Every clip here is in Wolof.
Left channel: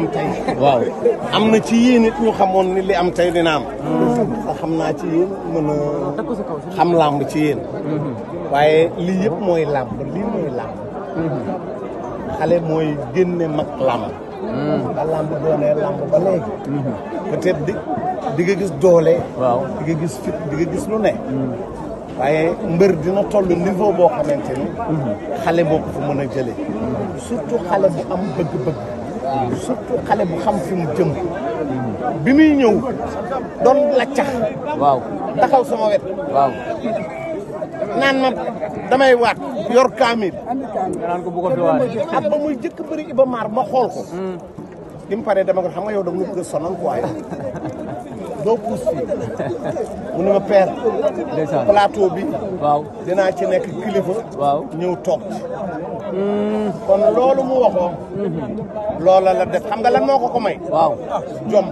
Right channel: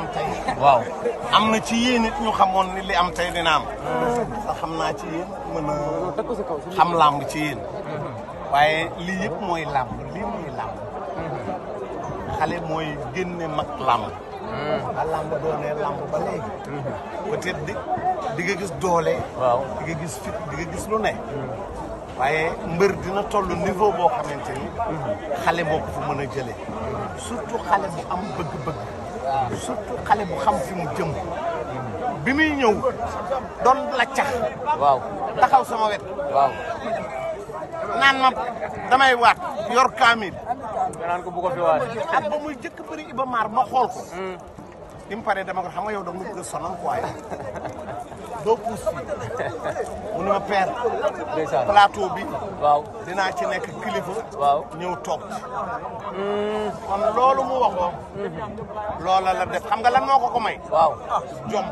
waaw am na ci yéen it ñu xamoon ni li am tey dina am sax xam naa ci yéen mën a xam làmb ci yéen waaye lii yëpp mooy làmb lii mooy làmb xale mooy génne mag làmb ba làmb doonee làmb ba léegi peut-être di nga gis doole di nga gis fit di nga gis lu ne waaye mbër dina toll niveau boo xamante ni xale boo ko fi mën a jëlee surtout xale bu am bëgg-bëgg surtout xale bu xam fi mu jëm bi muy ñëw doon laccax taxaw sama wet naan ma damay waat yor kaamil ak ba muy jëkk bëri Iba Mar ma xool ko bi mu paree dama ko xam nga yow da nga bëgg a sonal quoi yow doo puus fii mu ne ma père plateau bi dinaa ci nekk kilifa ñëw toog kon loolu mu waxoon loola la def xam nga lan moo ko may jom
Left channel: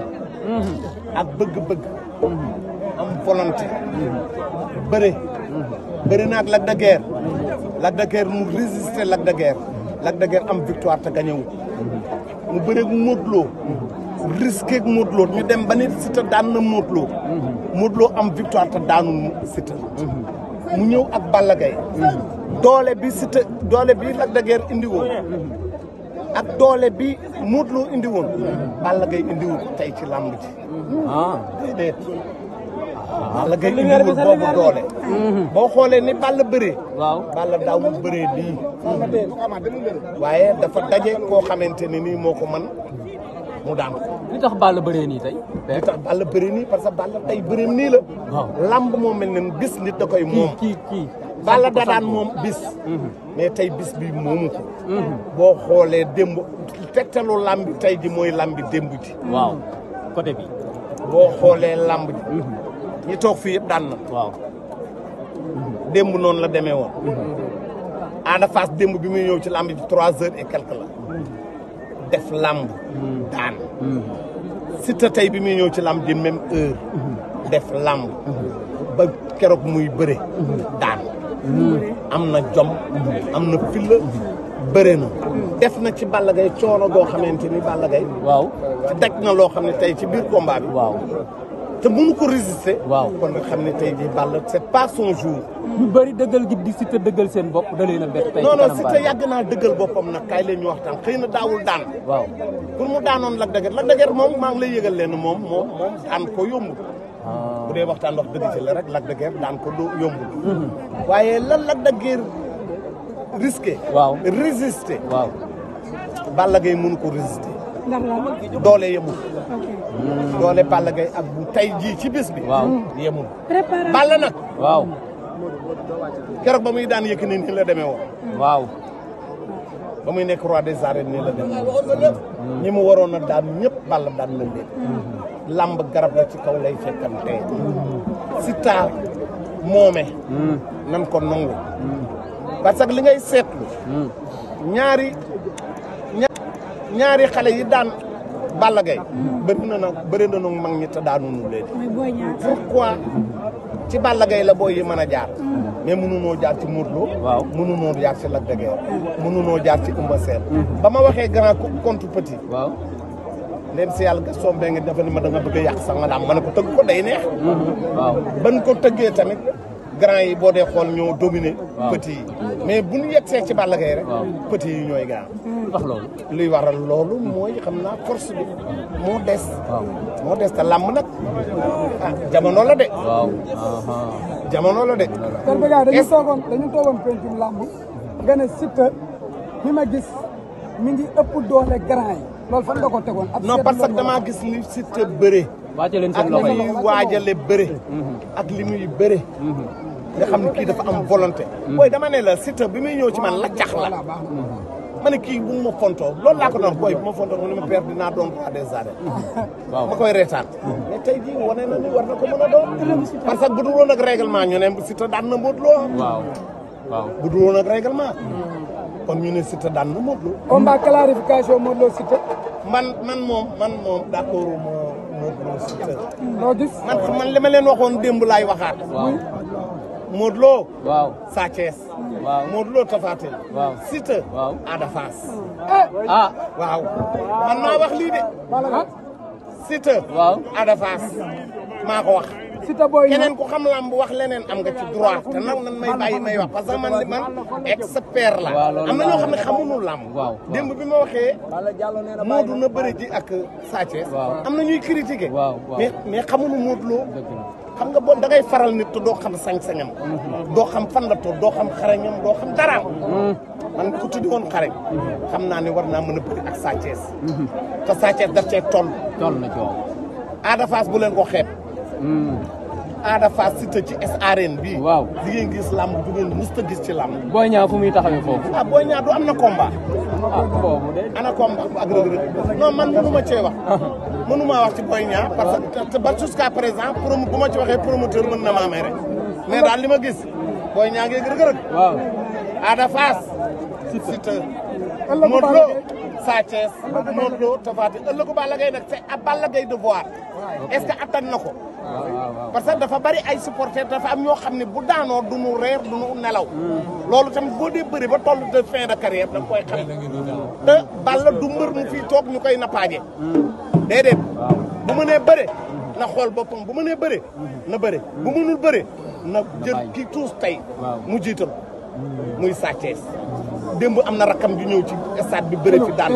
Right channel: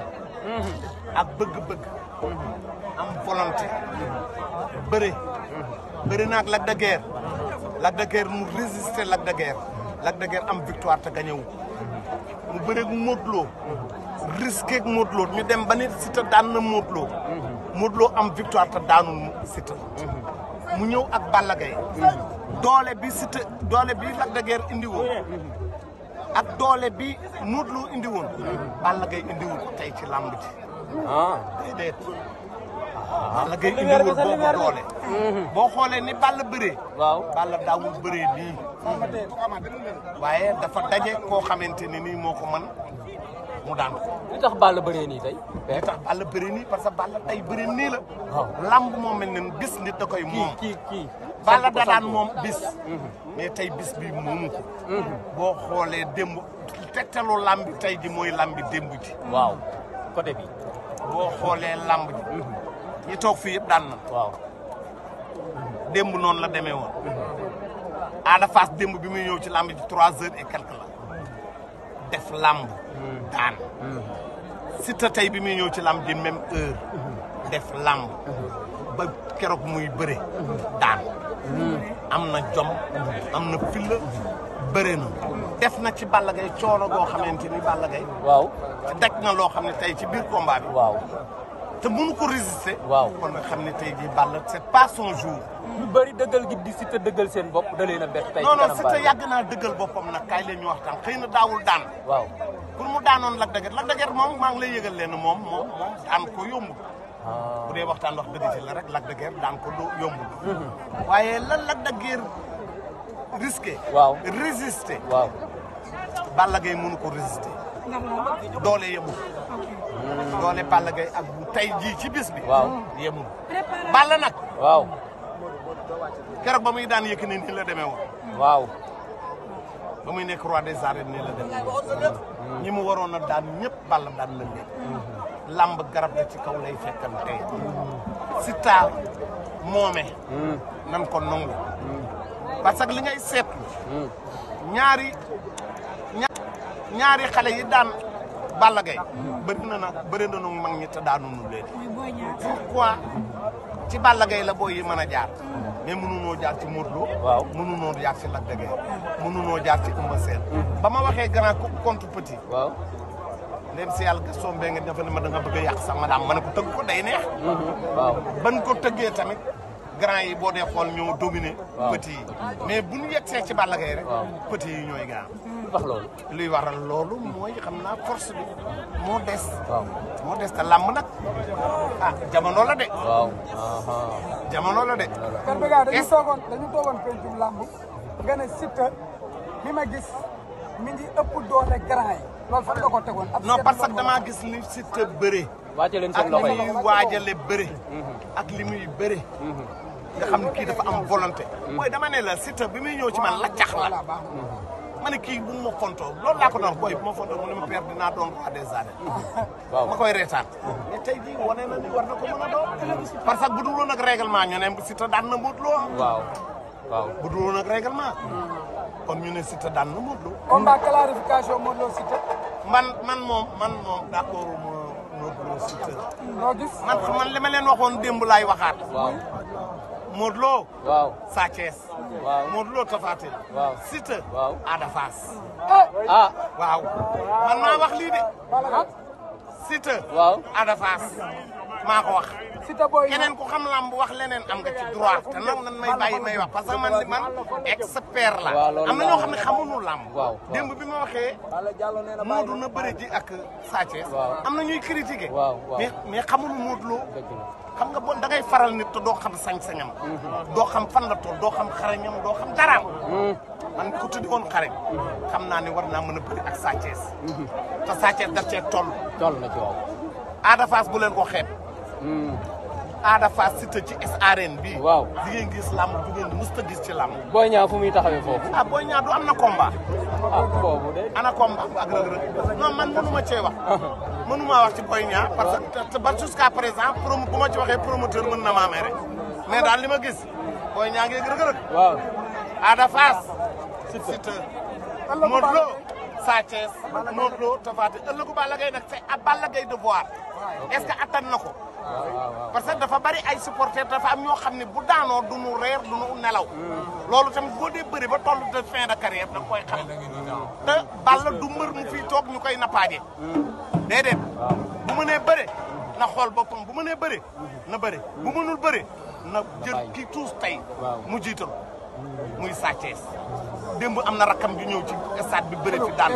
ak bëgg-bëgg am volonté bëri naag Lac de Guiers Lac de Guiers mu résister Lac de Guiers Lac de Guiers am victoire te gagné wu mu bëreeg Modou Lo risqué ak Modou Lo ñu dem ba nit Siteu daan na Modou Lo Modou Lo am victoire te daanul Siteu mu ñëw ak Balla Gaye doole bi Siteu doole bi Lac de Guiers indi woon ak doole bi Modou Lo indi woon Balla Gaye indiwul tey ci làmb ji déedéet Balla Gaye indiwul boobu doole boo xoolee ni Balla bëree Balla daawul bëree nii waaye dafa daje koo xamante ne nii moo ko man mu daan ko. li tax Balla bëree nii tey. li tax Balla bëree nii parce que Balla tey bëreem nii la. lamb moo mel ne bis nit da koy moom. kii Balla da daan moom bis. mais tey bis bi moomu ko. boo xoolee démb tegtalu lamb tey ji mooy lambi démb ji. waaw côté bi. boo xoolee lamb ji. ñi toog fii yëpp daan na. démb noonu la demee woon. Ada Fass démb bi muy ñëw ci lamb ji 3 heures et quelque la. def lamb daan Siteu tey bi muy ñëw ci lamb di même heure def lamb ba keroog muy bëre daan am na jom am na filla bëre na def na ci Balla Gaye coono goo xamante ni Balla Gaye ci daj na loo xam ne tey ci biir combat bi te mënu ko résister kon nga xam ne tey ji Balla c'est pas son jour ñu bëri dëggal gi di Siteu dëggal seen bopp da leen a bett. non non Siteu yàgg naa dëggal boppam nag kaay leen ñu waxtaan xëy na daawul daan pour mu daanoon Lac de Guiers Lac de Guiers moom maa ngi lay yëgal leen moom daan ko yombul bu dee waxtaan wax dëgg ci la rek Lac de Guiers daan ko yombul waaye lan Lac de Guiers risqué résister Balla Gaye mënu ko résister doole yemul doole Balla Gaye ak bu tey jii ci bis bi yemul Balla nag keroog ba muy daan Yékini nii la demee woon ba muy nekk roi des arènes nii la demee ñi mu waroon a daan ñëpp Balla daan la leen lamb garab la ci kaw lay fekkam tey Siteu moome nan ko nangu parce que li ngay seetlu ñaari xale yi daan Balla Gaye bëri na nag mag ñi te daanunu leen pourquoi ci Balla Gaye la booy yi mën a jaar mais mënunoo jaar ci Modou Lo mënunoo jaar ci Lac de Guiers mënunoo jaar ci Eumeu Sène ba ma waxee grand contre petit ndem si yàlla Gaston Mbengue dafa ne ma da nga bëgg a yàq sax ma daam ma ne ko tëgg ko day neex ban ko tëggee tamit grand yi boo dee xool ñoo dominé petit yi mais bu ñu yegsee ci Balla Gaye rek petit yi ñooy grand luy waral loolu mooy xam naa force bi moo des te làmb nag jamono la de kon bëgg dañu toogoon pencum làmb nga ne Siteu bi ma gis mi ngi ëpp doole grand yi loolu fan nga ko tegoon. non parce que damaa gis li Siteu bëre ak li muy waajale bëre ak li muy bëre nga xam ne kii dafa am volonté booy dama ne la Siteu bi muy ñëw ci man la cax la ma ne kii bu ma fontoo loolu laa ko doon booy bu ma fontoo mu ne ma père dinaa doon roi des arènes ma koy reetaan mais tey jii wane na ni war na ko mën a doon parce que bu dul woon ak règlement ñu ne Siteu daan na Modou Lo bu dul woon ak règlement kon ñu ne Siteu daan na Modou Lo combat clarification Modou Lo Siteu man moom d'accord ma Modou Lo Siteu loo gis man li ma leen waxoon démb laay waxaat Modou Lo Sa Thiès Modou Lo Tapha Tine Siteu Ada Fass waaw man maa wax lii de Siteu Ada Fass maa ko wax keneen ku xam lamb wax leneen am nga ci droit te nag nan may bàyyi may wax parce que man li man expert la am na ñoo xam ne xamuñu lamb démb bi ma waxee Modou na bëri ji ak Sa Thiès am na ñuy critiquer mais xamuñu Modou Lo xam nga bon da ngay faral nit te doo xam sañ-sañam doo xam fan la toll doo xam xarañam doo xam daraam man bi ko tuddi woon xarañ xam naa ne war naa mën a bëri ak Sa Thiès te Sa Thiès daf cee toll Ada Fass bu leen ko xeeb Ada Fass Siteu ci arène bii di ngeen gis làmb du ngeen mës a gis ci làmb Boy Niang fu muy taxawee foofu Boy Niang du am na combat ana combat ak Reug Reug non man mënuma cee wax mënuma wax ci Boy Niang parce que ba jusqu'à présent bu ma ci waxee promoteur mën na maa may rek mais daal li ma gis Boy Niang ngi Reug Reug Ada Fass Siteu Modou Lo Sa Thiès Modou Lo Tapha Tine ëllëgu Balla Gaye nag c'est à Balla Gaye de voir est-ce que attan na ko parce que dafa bari ay supporters dafa am ñoo xam ne bu daanoo du nu reer du nu nelaw loolu tamit boo dee bëri ba toll de fin de carrière da nga koy xam te Balla du mbër mu fii toog ñu koy nappaaje déedéet bu mënee bëre na xool boppam bu mënee bëre na bëre bu mënul bëre na jël ki tuus tey mu jiital muy Sa Thiès démb am na rakam ju ñëw ci stade bi bëre fi daan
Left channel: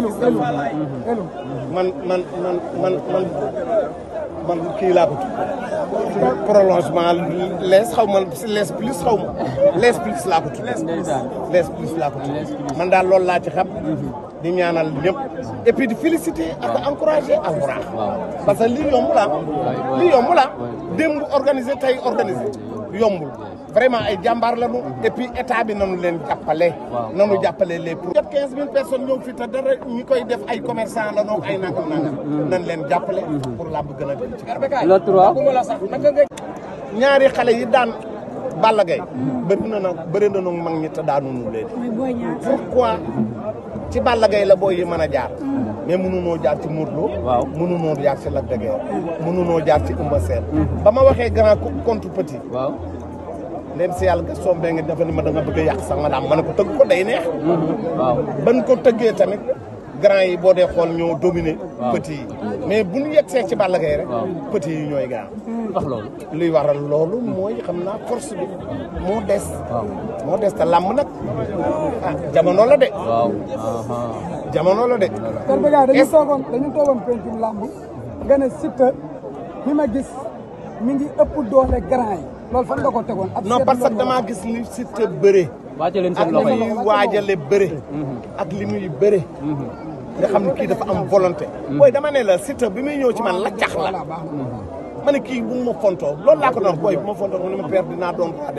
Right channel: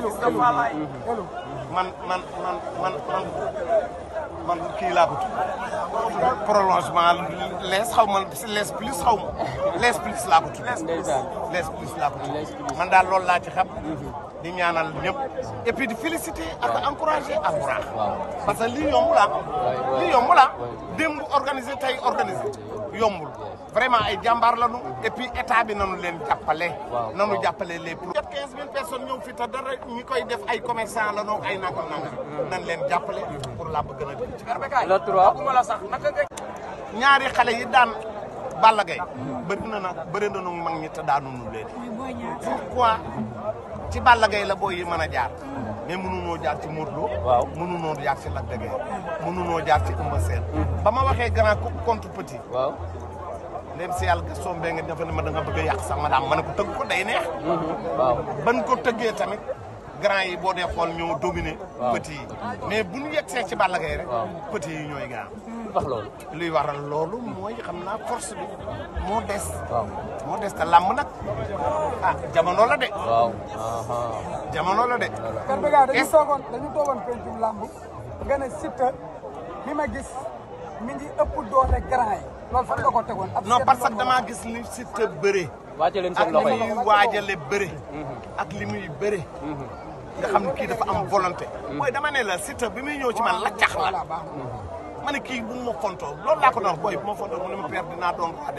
man kii laa ko tudd prolongement lees xaw ma lees plus xaw ma lees plus laa ko tudd lees plus laa ko tudd man daal loolu laa ci xam di ñaanal ñëpp et puis di féliciter ak encourager Albourakh parce que lii yomb la démb organisé tey organisé yombul vraiment ay jàmbaar lañu et puis état bi nanu leen jàppale les pro 15 000 personnes ñëw fi te dara ñi koy def ay commerçant la noog ay nangam nan leen jàppale pour làmb gën a dem ci ñaari xale yi daan Balla Gaye bëri na mag ñi te daanunu leen pourquoi ci Balla Gaye la booy yi mën a jaar mais mënunoo jaar ci Modou Lo mënunoo jaar ci Lac de Guiers mënunoo jaar ci Eumeu Sène ba ma waxee grand contre petit ndem si yàlla Gaston Mbengue dafa ne ma da nga bëgg a yàq sax ma ne ko tëgg ko day neex ban ko tëggee tamit grand yi boo dee xool ñoo dominé petit yi mais bu ñu yegsee ci Balla Gaye rek petit yi ñooy gaaw luy waral loolu mooy xam naa force bi moo des te làmb nag jamono la de dañu toogoon pencum làmb nga ne Siteu bi ma gis mi ngi ëpp doole grand yi loolu fan nga ko tegoon non parce que damaa gis li Siteu bëre ak li muy waajale bëre ak li muy bëre nga xam ne kii dafa am volonté booy dama ne la Siteu bi muy ñëw ci man la cax la ma ne kii bu ma fontoo loolu laa ko doon booy bu ma fontoo mu ne ma père dinaa doon